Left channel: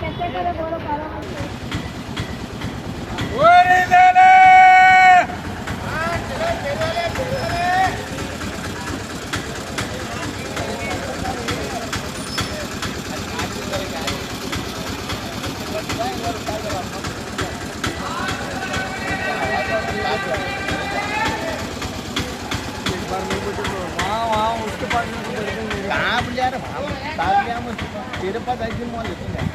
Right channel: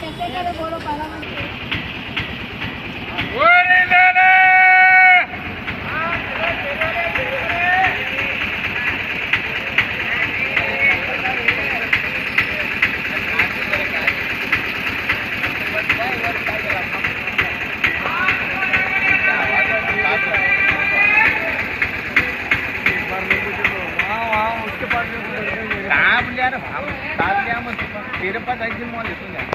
कैसे करे बोलो पहला उसके पास कहाँ पर जा रहा हम साथ लिया हम तेरे पास आई थी मॉल लेते हैं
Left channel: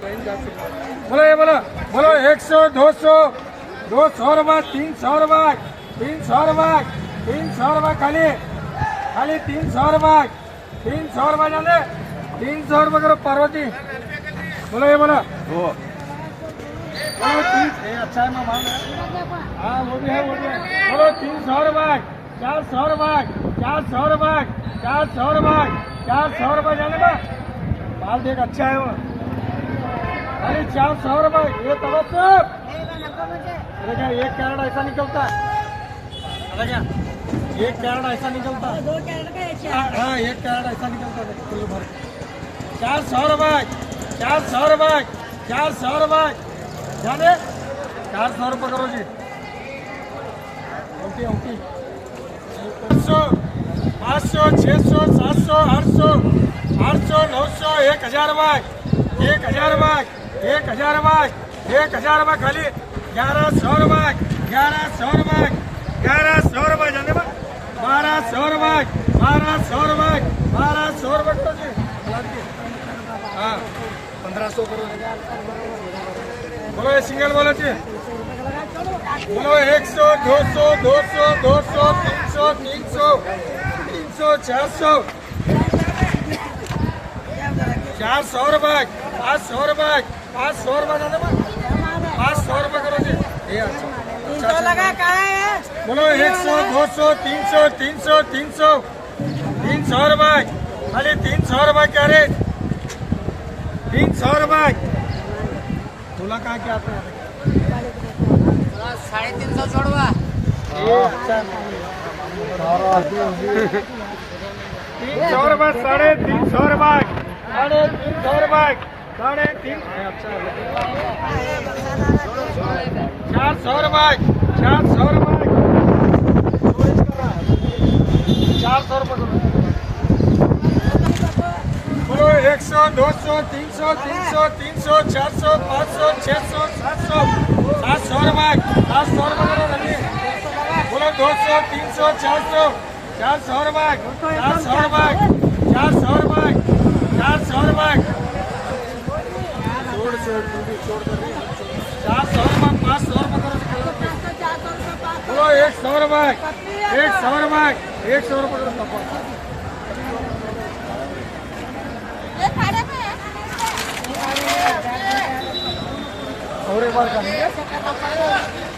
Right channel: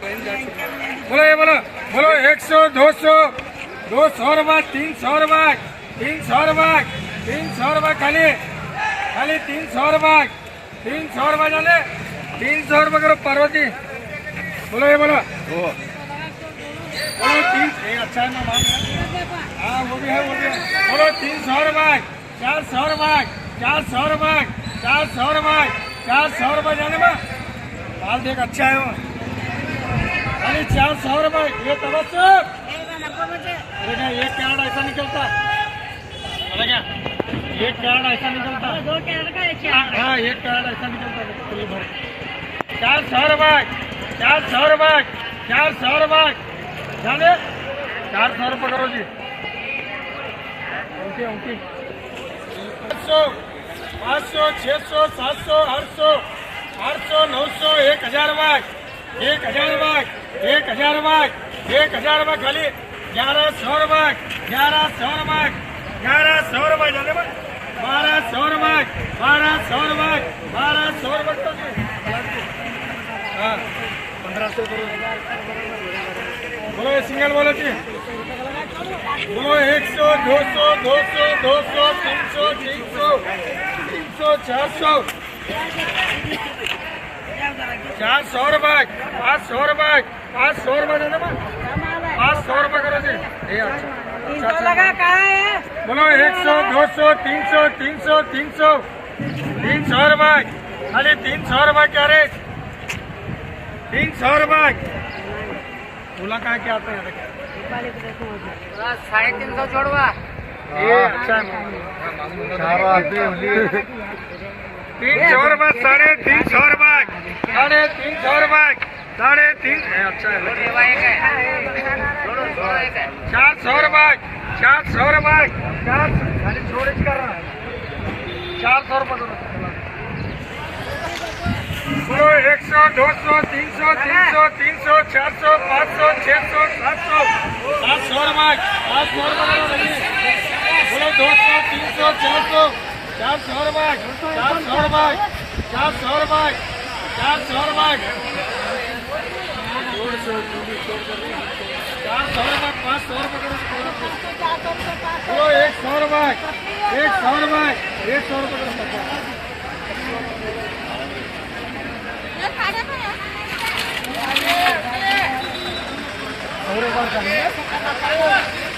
बोलो ये बोलो बोलो 100 200 200 रुपये 300 रुपये 300 रुपये 300 रुपये खाली खाली 300 रुपये 300 रुपये जाने 300 रुपये करो पार्वती बोलो ये बोलो बोलो 3 अच्छा है मैं मान रहा हाँ वो भी है बोलो 300 रुपये 400 रुपये 400 रुपये 400 रुपये 400 रुपये जाने में माल देख अच्छा है वो खाली 400 रुपये ये तबस्सुम देखा एक कैरेट ऐसा निकलता है क्या एक कैरेट ऐसा निकलता है 2 कैरेट का हाँ एक कैरेट ऐसा निकलता है फुल भर 400 रुपये 400 रुपये 400 रुपये जाने 400 रुपये करो जी ओके ओके 500 600 700 800 800 900 1000 रुपये 1000 रुपये 1000 रुपये 1000 रुपये खाली 1100 रुपये 1100 रुपये 1100 रुपये जाने में 1200 रुपये 1200 रुपये 1200 रुपये करो जी हाँ 1500 करो बोलो ये सिंगल बोलो जी बोलो 100 200 200 200 300 300 300 400 400 रुपये 500 रुपये 500 रुपये जाने में 500 रुपये करो जी ये अच्छा लगा कहाँ है बोलो 100 200 300 300 300 300 रुपये खाली 300 रुपये क्या रे 300 रुपये बोला कहाँ क्या आते हैं 350 छोड़वा ये अच्छा 300 रुपये 350 रुपये 350 रुपये 350 अच्छा है 400 रुपये 400 रुपये 400 रुपये बोलो 100 200 300 300 300 400 500 600 700 700 रुपये 700 रुपये बोलो 200 300 400 400 रुपये 400 रुपये 400 रुपये 400 रुपये 400 रुपये 500 रुपये बोलो 100 रुपये 100 रुपये 100 रुपये और एक बार